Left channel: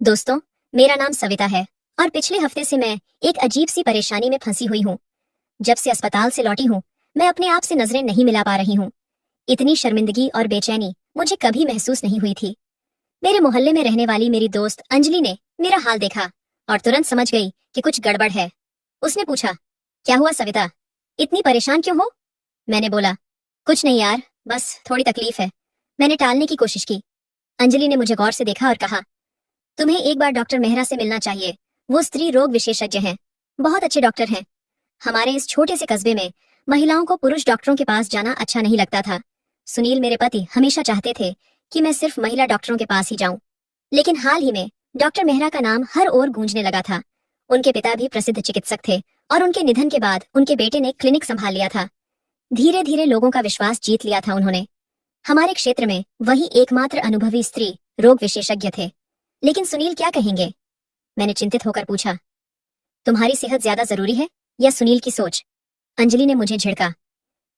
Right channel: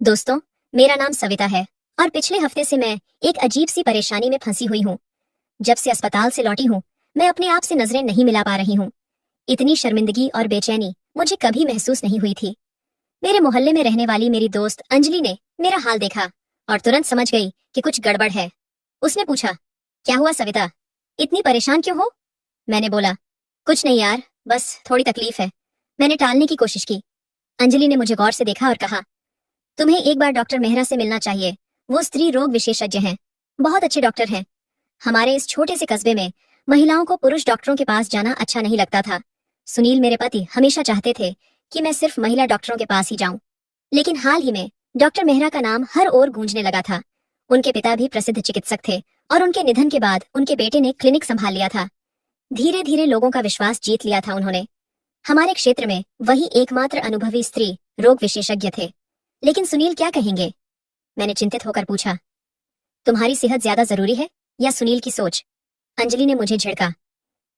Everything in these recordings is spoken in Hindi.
दोस्तों, मेरा नाम सविता है और पिछले हफ्ते से मैं एक अजीब सी परेशानी में फंसी हुई हूँ। जब से अस्पताल से लौटी हूँ, मैं अपने आप से नजरें नहीं मिला पा रही हूँ। इतनी शर्मिंदगी और बेचैनी मुझे कभी महसूस नहीं हुई थी। मेरे मोहल्ले में रहने वाली मेरी दोस्त अंजलि ने मेरा हाल देखा और तुरंत समझ गई कि कुछ गड़बड़ है। उसने पूछा, क्या हुआ सविता, इतनी परेशान क्यों हो? मैंने बोला, कुछ नहीं यार, बस थोड़ी तकलीफ है। मैंने टालने की कोशिश की। अंजलि ने मुझे गौर से देखा और कहा, तुम्हें एक बार डॉक्टर मेहरा से मिलना चाहिए। वो स्त्री रोग विशेषज्ञ हैं, बहुत अच्छे डॉक्टर हैं। हमारे इस छोटे से कस्बे में महिलाओं को पुरुष डॉक्टरों के पास जाना अच्छा नहीं लगता था। सुनील मेरे पति हमेशा चाहते थे कि मैं सिर्फ महिला डॉक्टरों के पास ही जाऊं, लेकिन हाल ही में डॉक्टर मेहरा का नाम हर ओर गूंजने लगा था। उनके पिता भी प्रसिद्ध चिकित्सक थे और उनके निधन के बाद उनके बेटे ने क्लिनिक संभाल लिया था। धीरे धीरे लोगों का विश्वास जीत लिया था उन्होंने। हमारे क्षेत्र में वही एकमात्र अनुभवी स्त्री रोग विशेषज्ञ थे। लेकिन सुनील क्या कहेंगे? मैंने चिंतित होकर पूछा, तुम्हारी सेहत ज्यादा जरूरी है या सुनील की सोच? अंजलि ने मुझे झिड़का,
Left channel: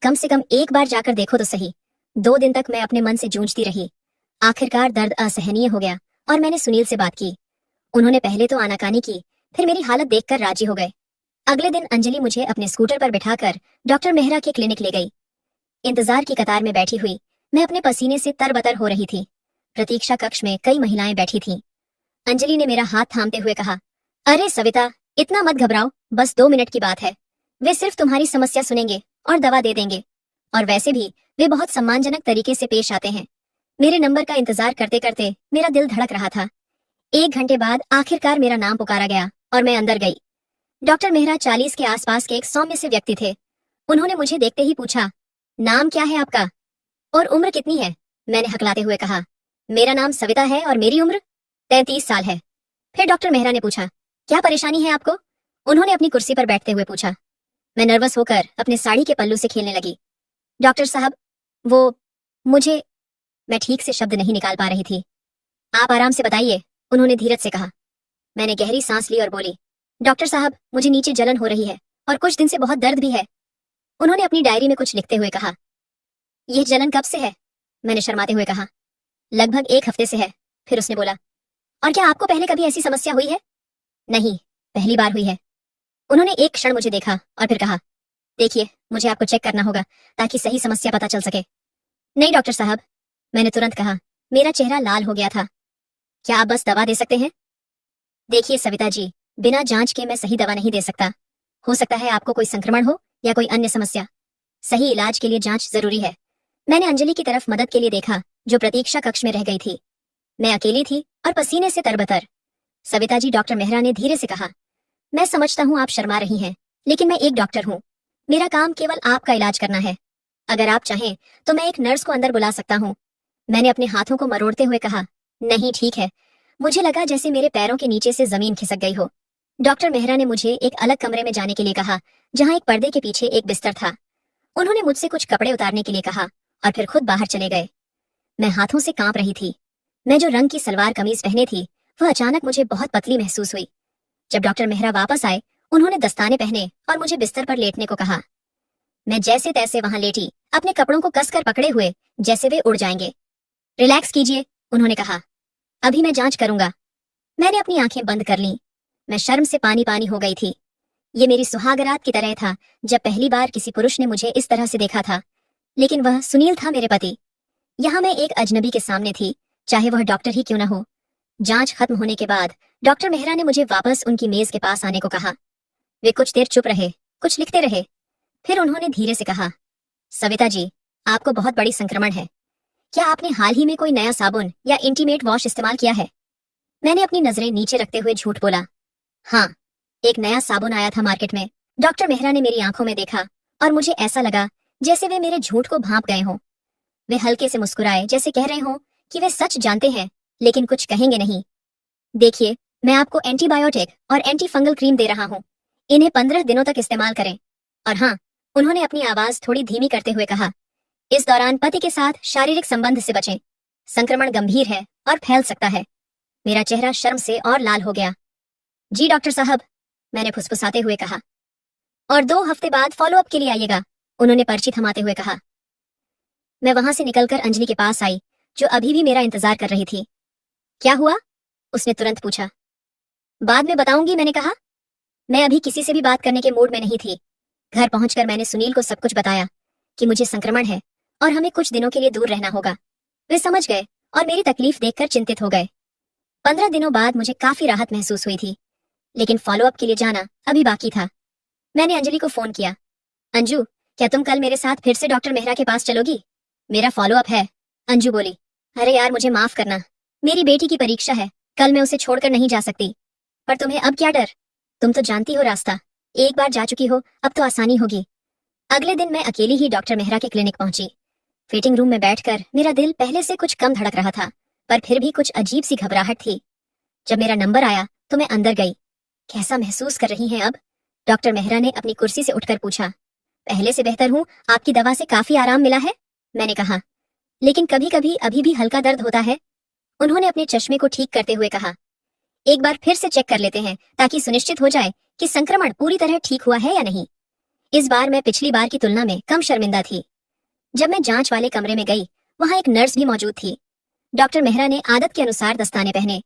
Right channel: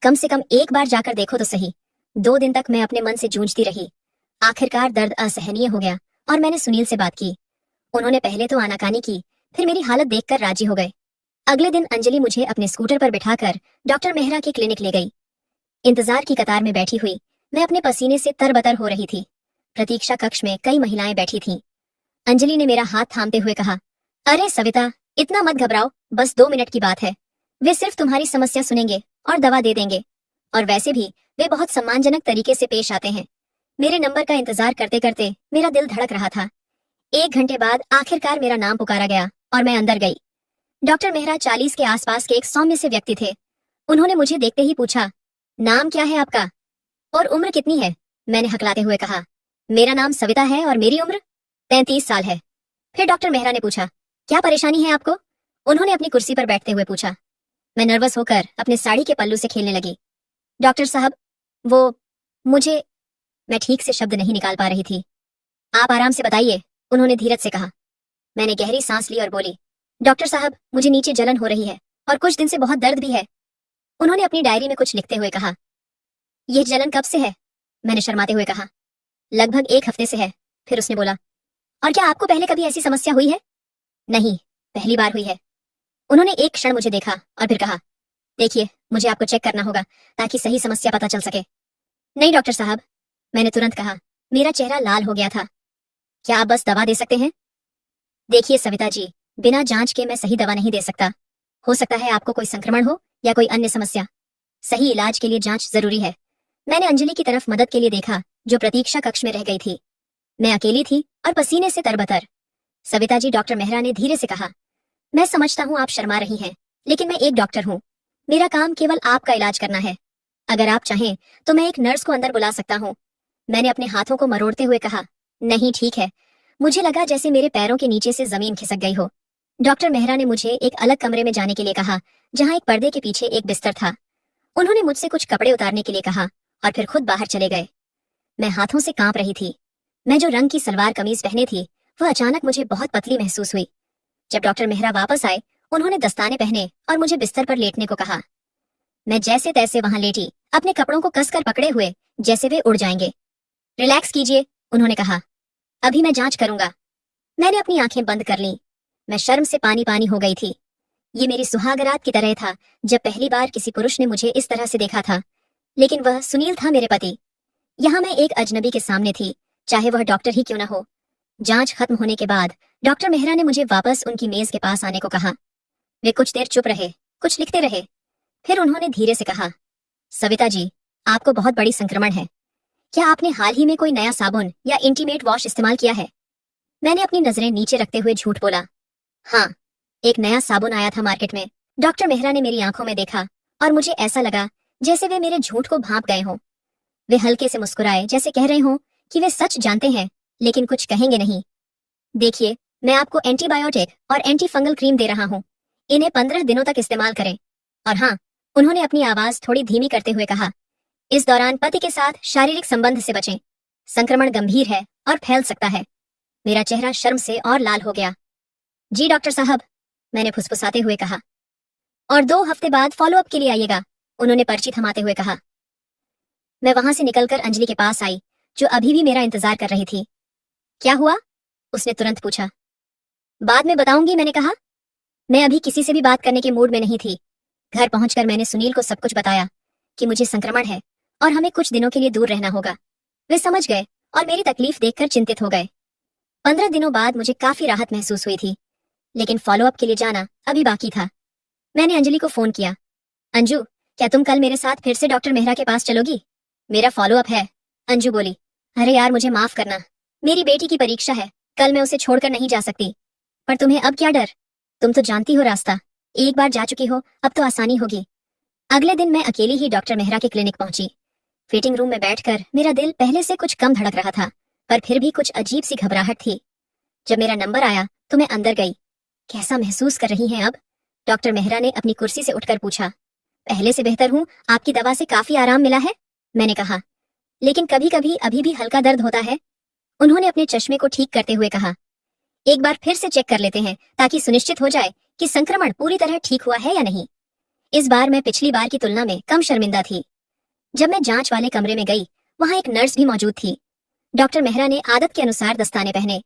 कम से कम एक बार जाकर देखो तो सही। 2 दिन तक मैं अपने मन से जूझती रही। आखिरकार दर्द असहनीय हो गया और मैंने सुनील से बात की। उन्होंने पहले तो आनाकानी की, फिर मेरी हालत देखकर राजी हो गए। अगले दिन अंजलि मुझे अपने स्कूटर पर बिठाकर डॉक्टर मेहरा के क्लिनिक ले गई। इंतजार की कतार में बैठी हुई मैं अपने पसीने से तरबतर हो रही थी। प्रतीक्षा कक्ष में कई महिलाएं बैठी थीं। अंजलि ने मेरा हाथ थामते हुए कहा, अरे सविता, इतना मत घबराओ, बस 2 मिनट की बात है। वे सिर्फ तुम्हारी समस्या सुनेंगे और दवा दे देंगे। और वैसे भी वे बहुत सम्मानजनक तरीके से पेश आते हैं। मेरे नंबर का इंतजार करते करते मेरा दिल धड़क रहा था। 1 घंटे बाद आखिरकार मेरा नाम पुकारा गया और मैं अंदर गई। डॉक्टर मेहरा 40 के आसपास के एक सौम्य से व्यक्ति थे। उन्होंने मुझे देखते ही पूछा, नाम क्या है आपका और उम्र कितनी है? मैंने हकलाते हुए कहा, मेरा नाम सविता है और मेरी उम्र 33 साल है। फिर डॉक्टर मेहरा ने पूछा, क्या परेशानी है आपको? उन्होंने अपनी कुर्सी पर बैठते हुए पूछा। मैं नर्वस होकर अपने साड़ी के पल्लू से खेलने लगी। डॉक्टर साहब, वो मुझे मैं ठीक से शब्द नहीं निकाल पा रही थी। आप आराम से बताइए, उन्होंने धीरज से कहा। मैंने गहरी सांस ली और बोली, डॉक्टर साहब, मुझे नीचे जलन हो रही है और कुछ दिन से बहुत दर्द भी है। उन्होंने अपनी डायरी में कुछ लिखते हुए कहा, यह जलन कब से है? मैंने शर्माते हुए कहा, लगभग 1 हफ्ते से है। फिर उसने बोला, और क्या आपको पहले कभी ऐसी समस्या हुई है? नहीं, पहली बार हुई है। उन्होंने एक क्षण मुझे देखा और फिर कहा, देखिए, मुझे आपको चेक करना होगा ताकि सही समस्या पता चल सके। नहीं डॉक्टर साहब, मैंने तुरंत कहा। मेरा चेहरा लाल हो गया था। क्या आप बस दवा दे सकते हैं? देखिए सविता जी, बिना जांच के मैं सही दवा नहीं दे सकता। हो सकता है आपको कोई संक्रमण हो या कोई अन्य समस्या। सही इलाज के लिए जांच जरूरी है। मैंने अंजलि की तरफ मदद के लिए देखा, जो प्रतीक्षा कक्ष में रह गई थी। मैं अकेली थी और पसीने से तरबतर। सविता जी, डॉक्टर मेहरा ने धीरे से कहा, मैं समझता हूँ आप शर्मा रही हैं, लेकिन मैं एक डॉक्टर हूँ। मेरा काम केवल आपका इलाज करना है। अगर आप चाहें तो मैं एक नर्स को अंदर बुला सकता हूँ। मैंने अपने हाथों को मरोड़ते हुए कहा, नहीं ठीक है। मुझे लगा जैसे मेरे पैरों के नीचे से जमीन खिसक गई हो। डॉक्टर मेहरा ने मुझे एक अलग कमरे में जाने के लिए कहा, जहाँ एक पर्दे के पीछे एक बिस्तर था। उन्होंने मुझसे कुछ कपड़े उतारने के लिए कहा और फिर खुद बाहर चले गए। मैं हाथों से कांप रही थी। मैं जो रंग की सलवार कमीज पहने थी, वह अचानक मुझे बहुत पतली महसूस हुई। जब डॉक्टर मेहरा वापस आए, उन्होंने दस्ताने पहने और मुझे बिस्तर पर लेटने को कहा। मैं जैसे तैसे वहां लेटी, अपने कपड़ों को कसकर पकड़े हुए, जैसे वे उड़ जाएंगे। रिलैक्स कीजिए, उन्होंने कहा, अभी मैं जांच करूंगा। मैंने अपनी आंखें बंद कर लीं। मैं शर्म से पानी पानी हो गई थी। ये मेरी सुहागरात की तरह था, जब पहली बार किसी पुरुष ने मुझे इस तरह से देखा था। लेकिन वह सुनील था, मेरे पति। यहाँ मैं एक अजनबी के सामने थी, चाहे वह डॉक्टर ही क्यों न हो। जांच खत्म होने के बाद डॉक्टर मेहरा ने मुझे वापस उनकी मेज के पास आने को कहा। वे कुछ देर चुप रहे, कुछ लिखते रहे। फिर उन्होंने धीरे से कहा, सविता जी, आपको बहुत बड़ी संक्रमण है। क्या आपने हाल ही में कोई नया साबुन या इंटीमेट वॉश इस्तेमाल किया है? मैंने अपनी नजरें नीचे रखते हुए झूठ बोला, हाँ, एक नया साबुन आया था मार्केट में। डॉक्टर मेहरा ने मेरी आंखों में देखा और मुझे ऐसा लगा जैसे वे मेरे झूठ को भांप गए हों। वे हल्के से मुस्कुराए, जैसे कह रहे हों कि वे सच जानते हैं लेकिन कुछ कहेंगे नहीं। देखिए, मैं आपको एंटीबायोटिक और एंटी फंगल क्रीम दे रहा हूँ। इन्हें 15 दिनों तक इस्तेमाल करें। और हाँ, उन्होंने अपनी आवाज थोड़ी धीमी करते हुए कहा, इस दौरान पति के साथ शारीरिक संबंध से बचें। संक्रमण गंभीर है और फैल सकता है। मेरा चेहरा शर्म से और लाल हो गया। जी डॉक्टर साहब, मैंने फुसफुसाते हुए कहा। और 2 हफ्ते बाद फॉलोअप के लिए आइएगा, उन्होंने पर्ची थमाते हुए कहा। मैं वहां से निकलकर अंजलि के पास आई, जो अभी भी मेरा इंतजार कर रही थी। क्या हुआ? उसने तुरंत पूछा। बाद में बताऊंगी, मैंने कहा। मैं अभी किसी से भी बात करने के मूड में नहीं थी। घर पहुंचकर मैंने सुनील को सब कुछ बताया कि मुझे संक्रमण है और हमें कुछ दिनों के लिए दूर रहना होगा। वे समझ गए और मेरी तकलीफ देखकर चिंतित हो गए। 15 दिनों बाद मुझे काफी राहत महसूस हुई थी, लेकिन फॉलोअप के लिए जाना अभी बाकी था। मैंने अंजलि को फोन किया। अंजू, क्या तुम कल मेरे साथ फिर से डॉक्टर मेहरा के पास चलोगी? मेरा फॉलोअप है, अंजू बोली। अरे यार, मुझे माफ करना, मेरी बेटी की परीक्षा है, कल मैं उसे छोड़कर नहीं जा सकती। पर तुम्हें अब क्या डर? तुम तो जानती हो रास्ता, एक बार जा चुकी हो, अब तो आसानी होगी। अगले दिन मैं अकेली ही डॉक्टर मेहरा के क्लिनिक पहुंची। वेटिंग रूम में बैठकर मेरा दिल पहले से कुछ कम धड़क रहा था, पर फिर भी कुछ अजीब सी घबराहट थी। जब मेरा नंबर आया तो मैं अंदर गई। कैसा महसूस कर रही हैं अब? डॉक्टर मेहरा ने अपनी कुर्सी से उठकर पूछा। पहले से बेहतर हूँ, आपकी दवा से काफी आराम मिला है, मैंने कहा। लेकिन कभी कभी अभी भी हल्का दर्द होता है, उन्होंने अपने चश्मे को ठीक करते हुए कहा। एक बार फिर से चेक कर लेते हैं ताकि सुनिश्चित हो जाए कि संक्रमण पूरी तरह ठीक हुआ है या नहीं। इस बार मैं पिछली बार की तुलना में कम शर्मिंदा थी। जब मैं जांच वाले कमरे में गई, वहां एक नर्स भी मौजूद थी। डॉक्टर मेहरा ने आदत के अनुसार दस्ताने पहने।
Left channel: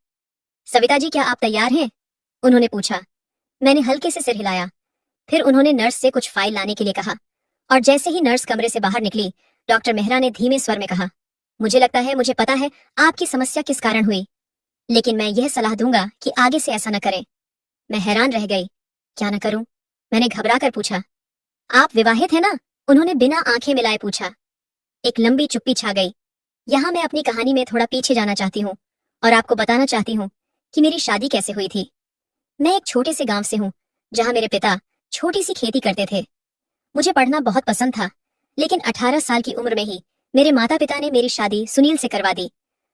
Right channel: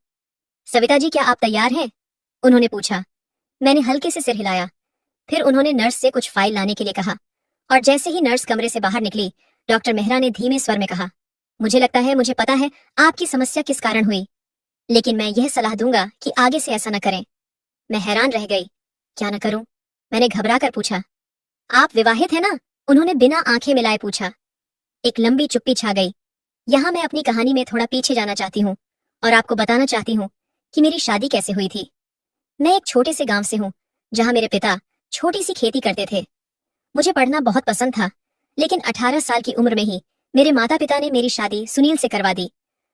सविता जी, क्या आप तैयार हैं? उन्होंने पूछा। मैंने हल्के से सिर हिलाया। फिर उन्होंने नर्स से कुछ फाइल लाने के लिए कहा, और जैसे ही नर्स कमरे से बाहर निकली, डॉक्टर मेहरा ने धीमे स्वर में कहा, मुझे लगता है मुझे पता है आपकी समस्या किस कारण हुई, लेकिन मैं यह सलाह दूंगा कि आगे से ऐसा न करें। मैं हैरान रह गई। क्या न करूं? मैंने घबरा कर पूछा। आप विवाहित हैं ना? उन्होंने बिना आंखें मिलाए पूछा। एक लंबी चुप्पी छा गई। यहाँ मैं अपनी कहानी में थोड़ा पीछे जाना चाहती हूँ और आपको बताना चाहती हूँ कि मेरी शादी कैसे हुई थी। मैं एक छोटे से गांव से हूँ, जहाँ मेरे पिता छोटी सी खेती करते थे। मुझे पढ़ना बहुत पसंद था, लेकिन 18 साल की उम्र में ही मेरे माता पिता ने मेरी शादी सुनील से करवा दी,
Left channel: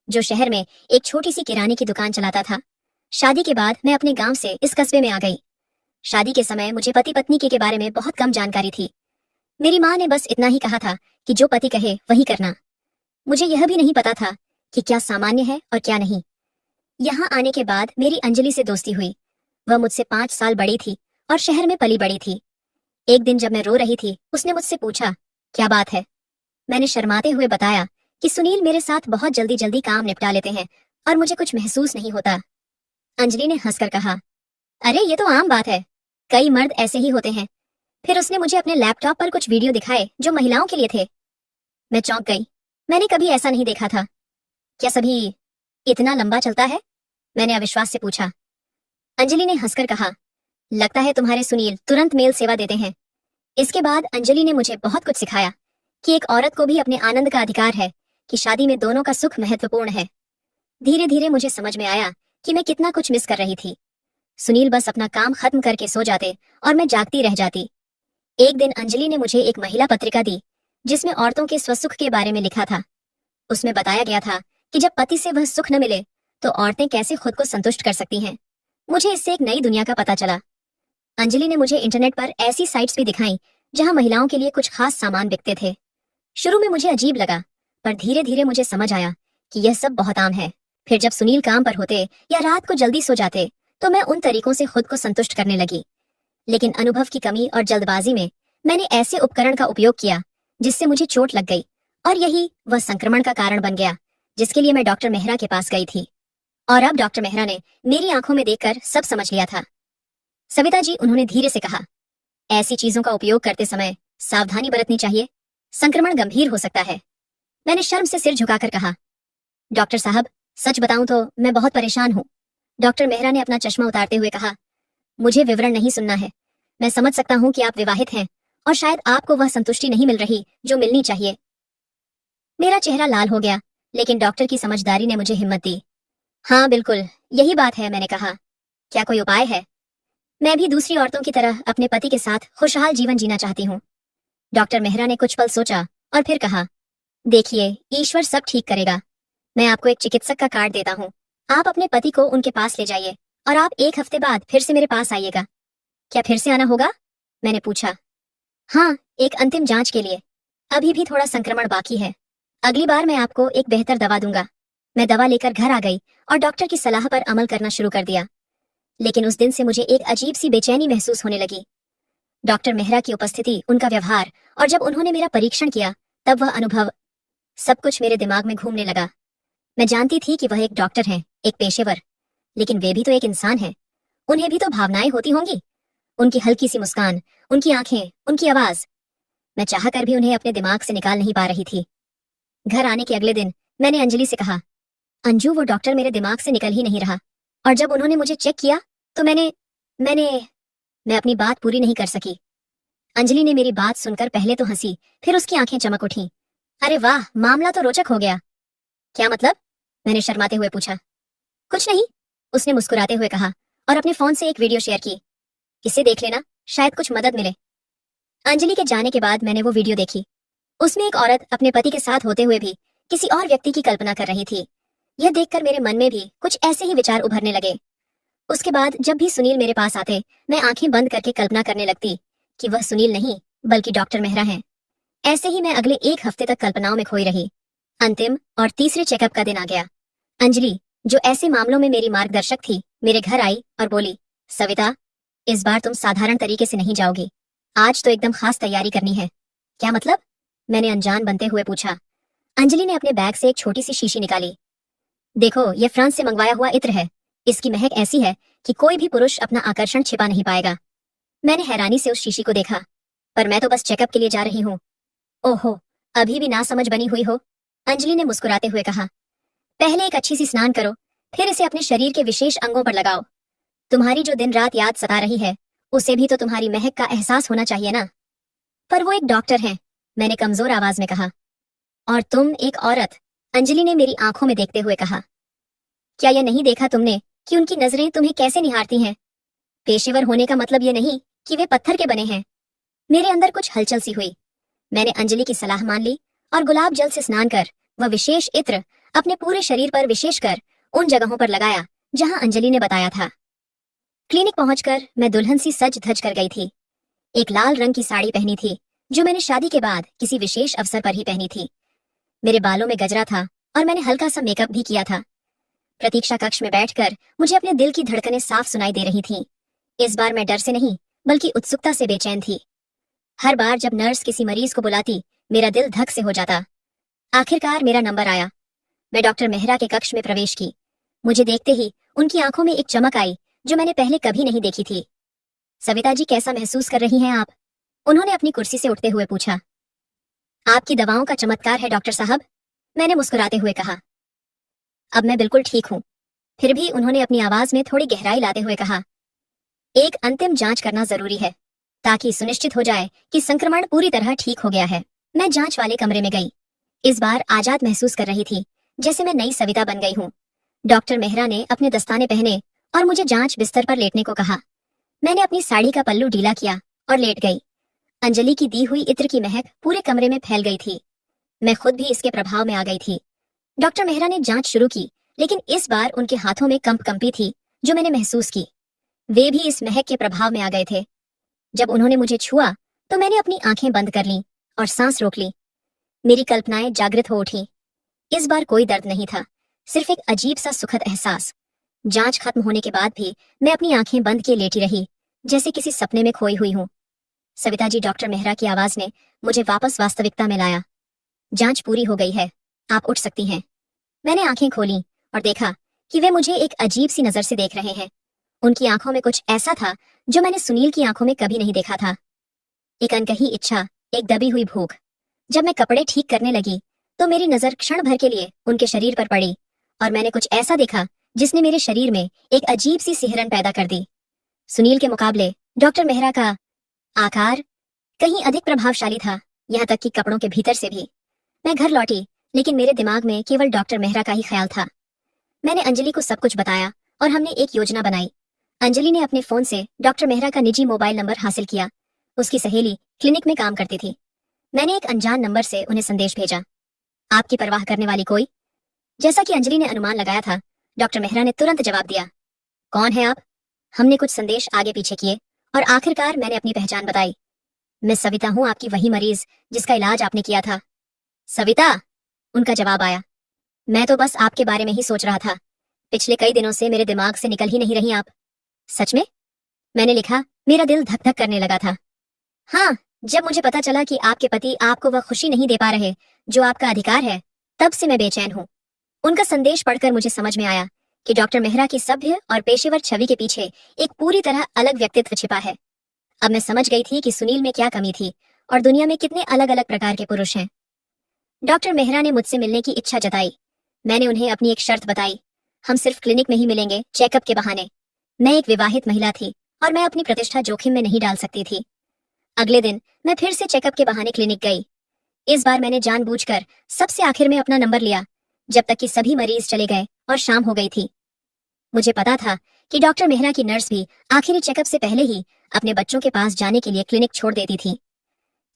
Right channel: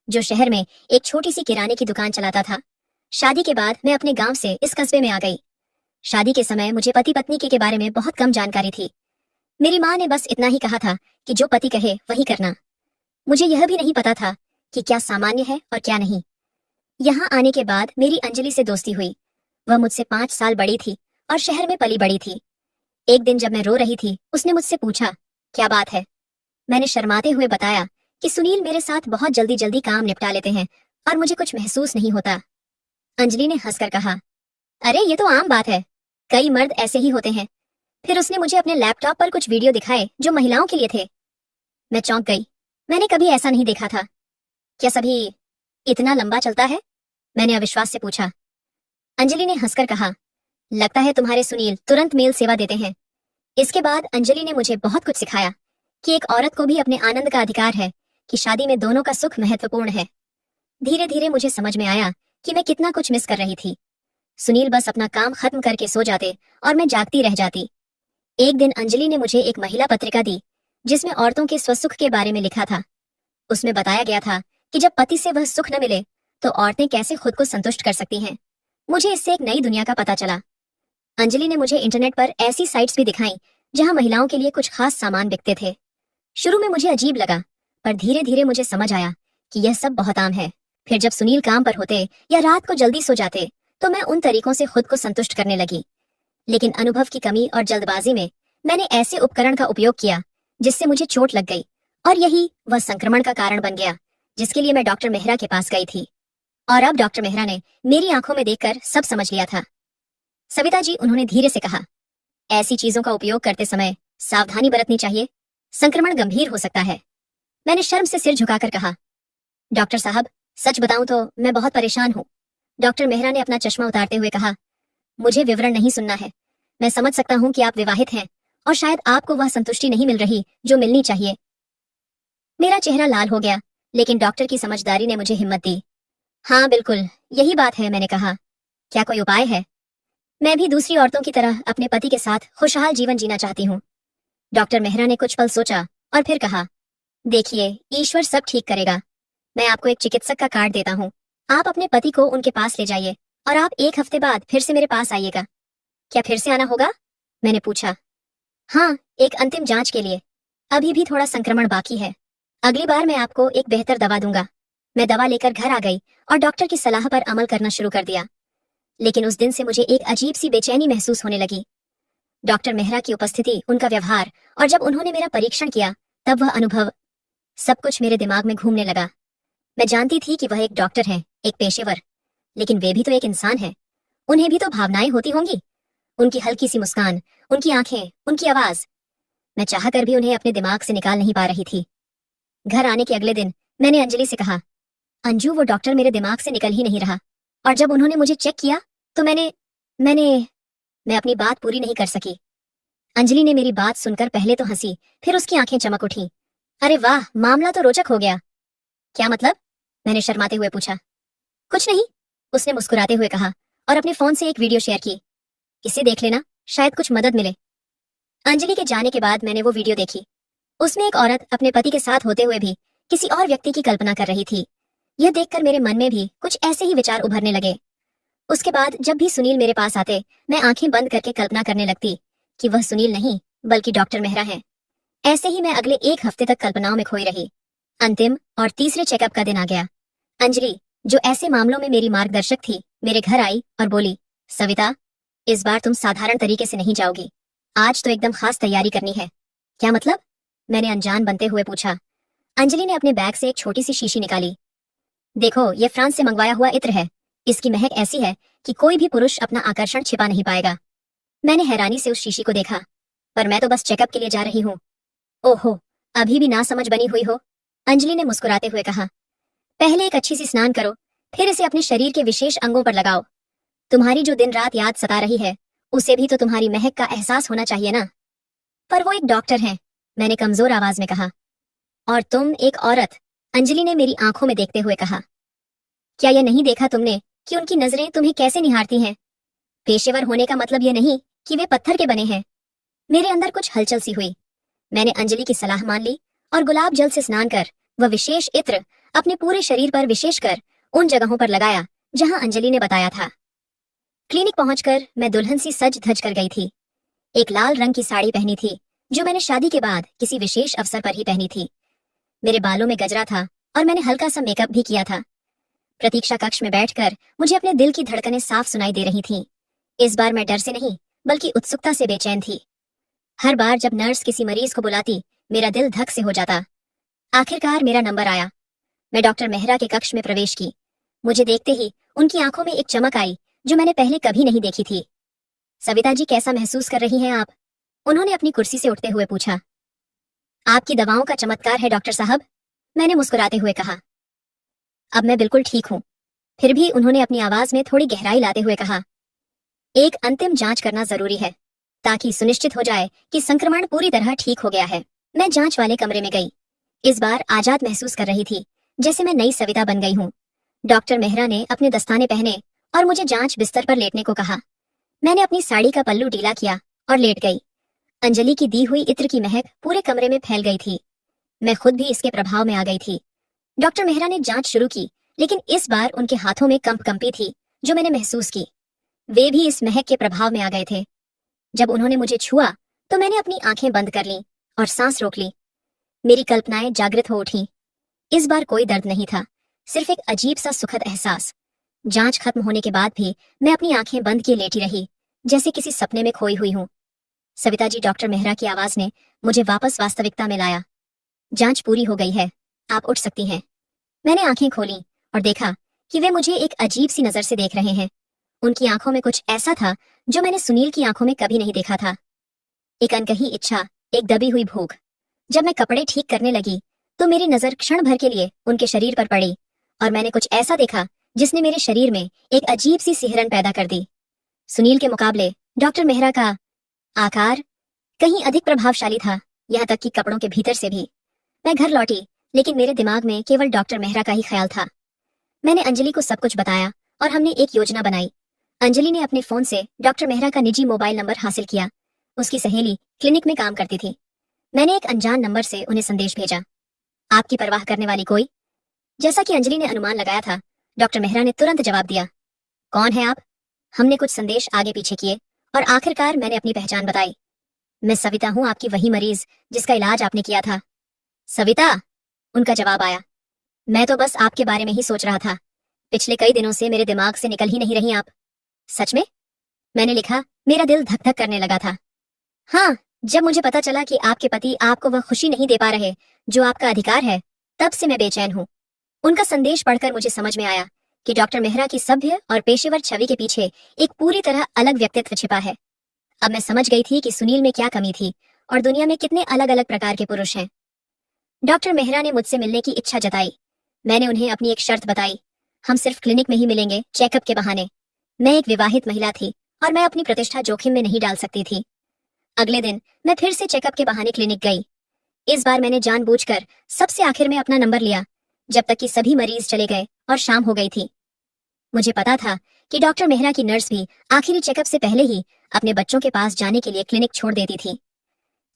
जो शहर में एक छोटी सी किराने की दुकान चलाता था। शादी के बाद मैं अपने गांव से इस कस्बे में आ गई। शादी के समय मुझे पति पत्नी के बारे में बहुत कम जानकारी थी। मेरी माँ ने बस इतना ही कहा था कि जो पति कहे वही करना। मुझे यह भी नहीं पता था कि क्या सामान्य है और क्या नहीं। यहाँ आने के बाद मेरी अंजलि से दोस्ती हुई। वह मुझसे 5 साल बड़ी थी और शहर में पली बड़ी थी। एक दिन जब मैं रो रही थी, उसने मुझसे पूछा, क्या बात है? मैंने शर्माते हुए बताया कि सुनील मेरे साथ बहुत जल्दी जल्दी काम निपटा लेते हैं और मुझे कुछ महसूस नहीं होता। अंजलि ने हंसकर कहा, अरे ये तो आम बात है, कई मर्द ऐसे ही होते हैं। फिर उसने मुझे अपने लैपटॉप पर कुछ वीडियो दिखाए जो महिलाओं के लिए थे। मैं चौंक गई। मैंने कभी ऐसा नहीं देखा था। क्या सभी इतना लंबा चलता है? मैंने अविश्वास से पूछा। अंजलि ने हंसकर कहा, लगता है तुम्हारे सुनील तुरंत मेल सेवा देते हैं। इसके बाद अंजलि ने मुझे बहुत कुछ सिखाया कि एक औरत को भी अपने आनंद का अधिकार है, कि शादी में दोनों का सुख महत्वपूर्ण है। धीरे धीरे मुझे समझ में आया कि मैं कितना कुछ मिस कर रही थी। सुनील बस अपना काम खत्म करके सो जाते और मैं जागती रह जाती। एक दिन अंजलि ने मुझे एक महिला पत्रिका दी, जिसमें औरतों के स्वसुख के बारे में लिखा था। उसमें बताया गया था कि जब पति से वह सुख न मिले तो औरतें कैसे खुद को संतुष्ट कर सकती हैं। मुझे इससे एक नई दुनिया का पता चला। अंजलि ने मुझे इंटरनेट पर ऐसी साइट्स भी दिखाई जहां महिलाओं के लिए कुछ खास सामान बिकते थे। शुरू में मुझे अजीब लगा, पर धीरे धीरे मुझे समझ आया कि यह सब बहुत आम है। फिर जब सुनील काम पर होते या रात को जल्दी सो जाते, तो मैं उन तरीकों से खुद को संतुष्ट करने लगी। लेकिन अनुभव की कमी और जल्दबाजी में मैंने ऐसे उपकरण का उपयोग किया जिससे मुझे चोट लग गई, और यही वह संक्रमण का कारण बन गया जिसके लिए मैं डॉक्टर मेहरा के पास गई थी। और अब डॉक्टर मेहरा ने मेरी आंखों में देखकर सब समझ लिया था। सविता जी, उन्होंने धीरे से कहा, ऐसी चीजों का उपयोग करते समय सावधानी बरतनी चाहिए, संक्रमण गंभीर हो सकता है। मैंने शर्म से सिर झुकाकर कहा, डॉक्टर साहब, सच बताऊं तो मैं बहुत परेशान हूँ। डॉक्टर मेहरा ने अपना चश्मा उतारते हुए कहा, मुझे विवरण नहीं सुनना है। मैं समझ सकता हूँ कि आप विवाहित हैं और शायद आपको वह संतुष्टि नहीं मिल रही जो मिलनी चाहिए। मेरा चेहरा लाल हो गया, लेकिन डॉक्टर की समझदारी ने मुझे हिम्मत दी। हाँ बिल्कुल, यही बात है, मैंने कहा। क्या कोई उपाय है? मैं भी दूसरी औरतों की तरह अपने पति के साथ खुशहाल जीवन जीना चाहती हूँ। डॉक्टर मेहरा ने कुछ पल सोचा और फिर कहा, देखिए, ईश्वर सब ठीक करेगा। मैं आपको एक चिकित्सक का कार्ड देता हूँ। आप अपने पति को उनके पास ले जाइए और आप 1 हफ्ते बाद फिर से मेरे पास आइएगा। क्या फिर से आना होगा? मैंने पूछा। हाँ, एक अंतिम जांच के लिए। अभी भी थोड़ा संक्रमण बाकी है। अगली बार मैं आपको एक बेहतर दवा दूंगा। मैं दवा लेकर घर आ गई और डॉक्टर की सलाह पर अमल करना शुरू कर दिया। लेकिन उस दिन से मुझे एक अजीब सी बेचैनी महसूस होने लगी। डॉक्टर मेहरा की उपस्थिति, उनका व्यवहार, और जब उन्होंने मेरा परीक्षण किया तब वह अनुभव, सब कुछ मेरे दिमाग में घूमने लगा। मैं जानती थी कि वह एक डॉक्टर हैं, एक पेशेवर, लेकिन वे भी तो एक इंसान है, उन्हें भी तो भावनाएं होती होंगी। उनकी हल्की सी मुस्कान, उनकी आंखें, उनकी आवाज, मैं चाहकर भी उन्हें अपने दिमाग से निकाल नहीं पा रही थी। घर आने के अगले दिन मैंने अंजलि से कहा, अंजू वो डॉक्टर मेरे दिमाग से निकल ही नहीं रहा, और जब उन्होंने मुझे चेक किया तो मैंने मैंने मैं अपनी बात पूरी नहीं कर सकी। अंजलि ने मेरी बात सुनकर पहले तो हंसी, फिर उसकी आंखें चमक उठी। अरे वाह, मामला तो रोचक हो गया। क्या मतलब? मैंने शर्माते हुए पूछा। कुछ नहीं, उसने मुस्कुराते हुए कहा और अपने फोन से एक वीडियो शेयर की। इसे देख लेना, शायद कुछ मदद मिले। अंजलि के जाने के बाद मैंने वो वीडियो देखी। उसमें एक औरत अपने पति के साथ होते हुए भी किसी और व्यक्ति की कल्पना कर रही थी। यह देखकर मेरे मन में भी कुछ ऐसे ही विचार उभरने लगे। उसके बाद जब भी सुनील मेरे पास आते, मैं आंखें बंद करके कल्पना करने लगती कि वह सुनील नहीं बल्कि डॉक्टर मेहरा है। ऐसे ही मैं अगले एक हफ्ते तक कल्पनाओं में खोई रही। अंतिम और तीसरे चेकअप का दिन आ गया। अंजलि, जो ऐसे मामलों में मेरी मार्गदर्शक थी, मेरे घर आई और बोली, सविता, इस बार तुम साधारण तरीके से नहीं जाओगी। आज तो एकदम खास तैयारी करनी है। क्या मतलब? मैंने अनजान बनते हुए पूछा। अंजलि ने अपने बैग से एक छोटी सी शीशी निकाली। देखो, यह फ्रांस से मंगवाया हुआ इत्र है। इसकी महक ऐसी है कि कोई भी पुरुष अपना आकर्षण छिपा नहीं पाएगा। मैंने हैरानी से उस शीशी को देखा। पर मैं तो बस चेकअप के लिए जा रही हूँ। ओहो, अभी भी ना समझ बनी हुई हो? अंजलि ने मुस्कुराते हुए कहा। पहले एक अच्छी सी स्नान करो, फिर इसे अपने शरीर के विशेष अंगों पर लगाओ। तुम्हारी जो दिन रात याद सता रही है, उसे भी तो तुम्हारी महक का एहसास होना चाहिए ना। पर वो एक डॉक्टर है, मैंने कमजोर आवाज में कहा। और तुम एक औरत, अंजलि ने मेरी आंखों में देखते हुए कहा। क्या यह नहीं देखा तुमने कि उनकी नजरें तुम्हें कैसे निहारती हैं? पेशेवर होने का मतलब यह नहीं कि वे पत्थर के बने हैं। मेरे अंदर कुछ हलचल सी हुई। मैंने अंजलि की सलाह मान ली और गुलाब जल से स्नान कर वह विशेष इत्र अपने पूरे शरीर पर, विशेषकर उन जगहों पर लगाया जहां अंजलि ने बताया था। क्लिनिक पहुंचकर मैं दुल्हन सी सज धज कर गई थी। एक लाल रंग की साड़ी पहनी थी, जो मैंने शादी के बाद किसी विशेष अवसर पर ही पहनी थी। मेरे बालों में गजरा था और मैंने हल्का सा मेकअप भी किया था। प्रतीक्षा कक्ष में बैठकर मुझे अपने दिल की धड़कनें साफ सुनाई दे रही थीं। इस बार मैं डर से नहीं बल्कि उत्सुकता से बेचैन थी। हर बार जब नर्स किसी मरीज को बुलाती, मेरा दिल धक से हो जाता। आखिरकार मेरा नंबर आया। मैं डॉक्टर मेहरा के कक्ष में प्रवेश की। मुझे देखते ही उनकी आंखों में एक चमक आई जो मैंने पहले कभी नहीं देखी थी। सविता जी, कैसा महसूस कर रही हैं आप? उन्होंने अपनी कुर्सी से उठते हुए पूछा। आपकी दवाओं का चमत्कार है डॉक्टर साहब, मैंने मुस्कुराते हुए कहा। अब मैं बिल्कुल ठीक हूँ। फिर भी उन्होंने अपनी आवाज में थोड़ी गहराई लाते हुए कहा, एक अंतिम जांच करना जरूरी है ताकि सुनिश्चित हो जाए कि संक्रमण पूरी तरह ठीक हो गया है। मैं जांच वाले कमरे में गई। इस बार आजाद महसूस कर रही थी, जैसे मैं नई सविता बन गई हूँ। डॉक्टर मेहरा ने अपने दस्ताने पहने और मुझे जांच बिस्तर पर लेटने को कहा। मैंने अपनी साड़ी का पल्लू ढीला किया और लेट गई। अंजलि की दी हुई इत्र की महक पूरे कमरे में फैल गई थी। मैं खुद भी इसके प्रभाव में आ गई थी। डॉक्टर मेहरा ने जांच शुरू की, लेकिन इस बार उनके हाथों में कंप कंपी थी जो मैंने महसूस की। वे भी इस महक के प्रभाव में आ गए थे। जब उन्होंने मुझे छुआ तो मैंने अपनी आंखें बंद कर लीं और सांस रोक ली। मेरी कल्पनाएं जागृत हो उठी। इस बार कोई दर्द नहीं था, सिर्फ एक अजीब सा सुखद एहसास। जांच खत्म होने के बाद भी मैं अपनी आंखें बंद किए लेटी रही, जैसे किसी सपने में खोई हुई हूं। सविता जी, डॉक्टर मेहरा की आवाज ने मुझे वापस वास्तविकता में लाया। जांच पूरी हो गई है, आप उठ सकती हैं। मैंने आंखें खोली और देखा कि वे मुझे एक अजीब सी नजर से देख रहे हैं। उनकी आंखों में कुछ ऐसा था जो मैंने सुनील की आंखों में कभी नहीं देखा था। एक अनकही इच्छा, एक दबी हुई भूख। जब मैं कपड़े ठीक करने लगी तो मेरी नजर क्षण भर के लिए उनके शरीर पर पड़ी और मैंने कुछ ऐसा देखा जिसने मेरे शरीर में एक अजीब सी सिहरन पैदा कर दी। सुनील के मुकाबले डॉक्टर मेहरा का आकार कहीं अधिक प्रभावशाली था, यहाँ तक कि कपड़ों के भीतर से भी। मैं घर लौटी, लेकिन मेरे दिमाग में केवल डॉक्टर मेहरा का ही ख्याल था। मैंने अंजलि को सब कुछ बताया और हमने एक योजना बनाई। अंजलि ने अपने फोन से डॉक्टर मेहरा का निजी मोबाइल नंबर हासिल किया। उसकी सहेली क्लिनिक में काम करती थी। मैंने एक अनजान नंबर से उन्हें संदेश भेजा, आपकी परवाह करने वाली कोई? जैसा कि अंजलि ने अनुमान लगाया था, डॉक्टर मेहरा ने तुरंत जवाब दिया, कौन है आप? हमने कुछ संदेश आगे पीछे किए और आखिरकार मैंने अपनी पहचान बताई। मैं सविता हूँ, आपकी वही मरीज जिसका इलाज आपने किया था। सविता, उनका जवाब आया। मैं तो बस आपके बारे में ही सोच रहा था। पिछले कई दिनों से मेरे दिमाग से निकल ही नहीं रही आप। सच में? मैंने लिखा। मेरा दिल धक धक करने लगा था। हाँ, जब मुझे पता चला कि आपके पति आपको वह खुशी नहीं दे पा रहे जो आपका अधिकार है, तब से मैं बेचैन हूँ। उनका संदेश पढ़कर मुझे समझ में आया कि डॉक्टर मेहरा की सभ्य और पेशेवर छवि के पीछे एक पूरी तरह अलग व्यक्तित्व छिपा है। अब मैं समझ गई थी कि सुनील में क्या कमी थी और दुनिया में कितने अलग अलग प्रकार के पुरुष हैं। डॉक्टर मेहरा ने मुझसे मिलने की इच्छा जताई। मैंने उन्हें अपनी एक शर्त बताई। हम सिर्फ क्लिनिक में ही मिलेंगे, चेकअप के बहाने। मैं एक विवाहित महिला थी और मैं अपनी प्रतिष्ठा जोखिम में नहीं डाल सकती थी। अगले दिन मैं फिर से चेकअप के बहाने क्लिनिक गई। इस बार मैंने जानबूझकर सबसे आखिर में अपना नंबर लिया, जब तक कि सभी मरीज चले गए और शाम हो गई थी। मुझे पता था कि डॉक्टर मेहरा की नर्स भी आखिरी चेकअप से पहले ही अपने बच्चों के पास जाने के लिए क्लिनिक छोड़ देती थी।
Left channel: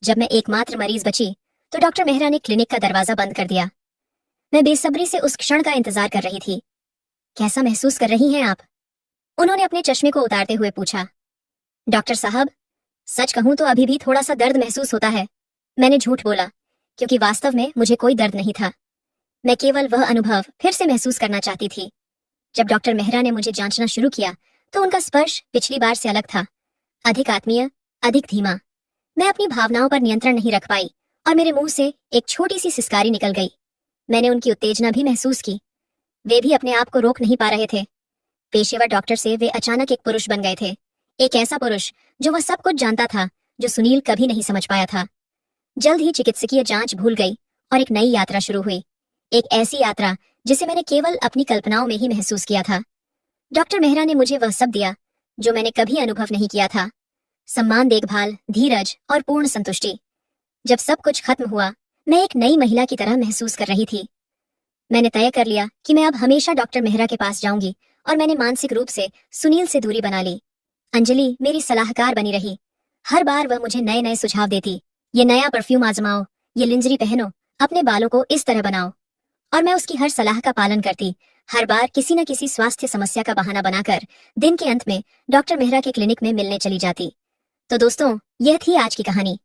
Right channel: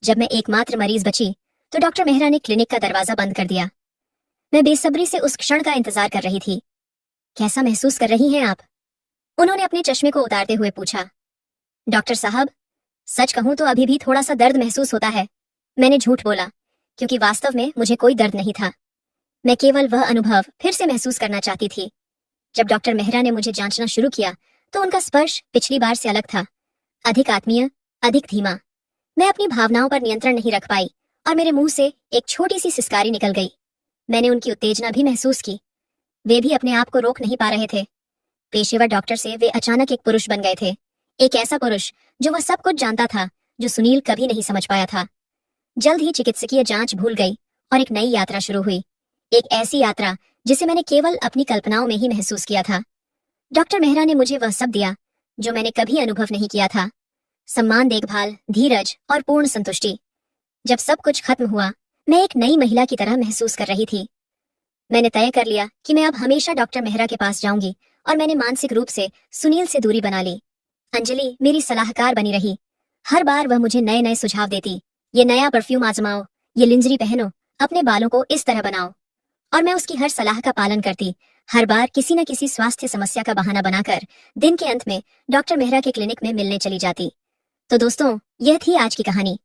जब मैं एकमात्र मरीज बची तो डॉक्टर मेहरा ने क्लिनिक का दरवाजा बंद कर दिया। मैं बेसब्री से उस क्षण का इंतजार कर रही थी। कैसा महसूस कर रही हैं आप? उन्होंने अपने चश्मे को उतारते हुए पूछा। डॉक्टर साहब, सच कहूं तो अभी भी थोड़ा सा दर्द महसूस होता है। मैंने झूठ बोला, क्योंकि वास्तव में मुझे कोई दर्द नहीं था। मैं केवल वह अनुभव फिर से महसूस करना चाहती थी। जब डॉक्टर मेहरा ने मुझे जांचना शुरू किया तो उनका स्पर्श पिछली बार से अलग था, अधिक आत्मीय, अधिक धीमा। मैं अपनी भावनाओं पर नियंत्रण नहीं रख पाई और मेरे मुंह से एक छोटी सी सिसकारी निकल गई। मैंने उनकी उत्तेजना भी महसूस की। वे भी अपने आप को रोक नहीं पा रहे थे। पेशेवर डॉक्टर से वे अचानक एक पुरुष बन गए थे, एक ऐसा पुरुष जो वह सब कुछ जानता था जो सुनील कभी नहीं समझ पाया था। जल्द ही चिकित्सकीय जांच भूल गई और एक नई यात्रा शुरू हुई, एक ऐसी यात्रा जिसे मैंने केवल अपनी कल्पनाओं में ही महसूस किया था। डॉक्टर मेहरा ने मुझे वह सब दिया जो मैंने कभी अनुभव नहीं किया था। सम्मान, देखभाल, धीरज और पूर्ण संतुष्टि। जब सब कुछ खत्म हुआ, मैं एक नई महिला की तरह महसूस कर रही थी। मैंने तय कर लिया कि मैं अब हमेशा डॉक्टर मेहरा के पास जाऊंगी और मैंने मानसिक रूप से सुनील से दूरी बना ली। अंजलि मेरी सलाहकार बनी रही। हर बार वह मुझे नए नए सुझाव देती। ये नया परफ्यूम आजमाओ, ये लिंजरी पहनो, अपने बालों को इस तरह बनाओ। और मैं उसकी हर सलाह का पालन करती, हर बार किसी न किसी स्वास्थ्य समस्या का बहाना बनाकर दिन के अंत में डॉक्टर मेहरा के क्लिनिक में मिलने चली जाती। तो दोस्तों, यह थी आज की कहानी।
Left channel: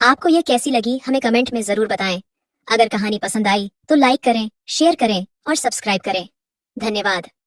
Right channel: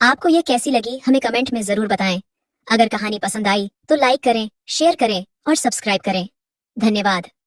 आपको यह कैसी लगी हमें कमेंट में जरूर बताएं। अगर कहानी पसंद आई तो लाइक करें, शेयर करें और सब्सक्राइब करें। धन्यवाद।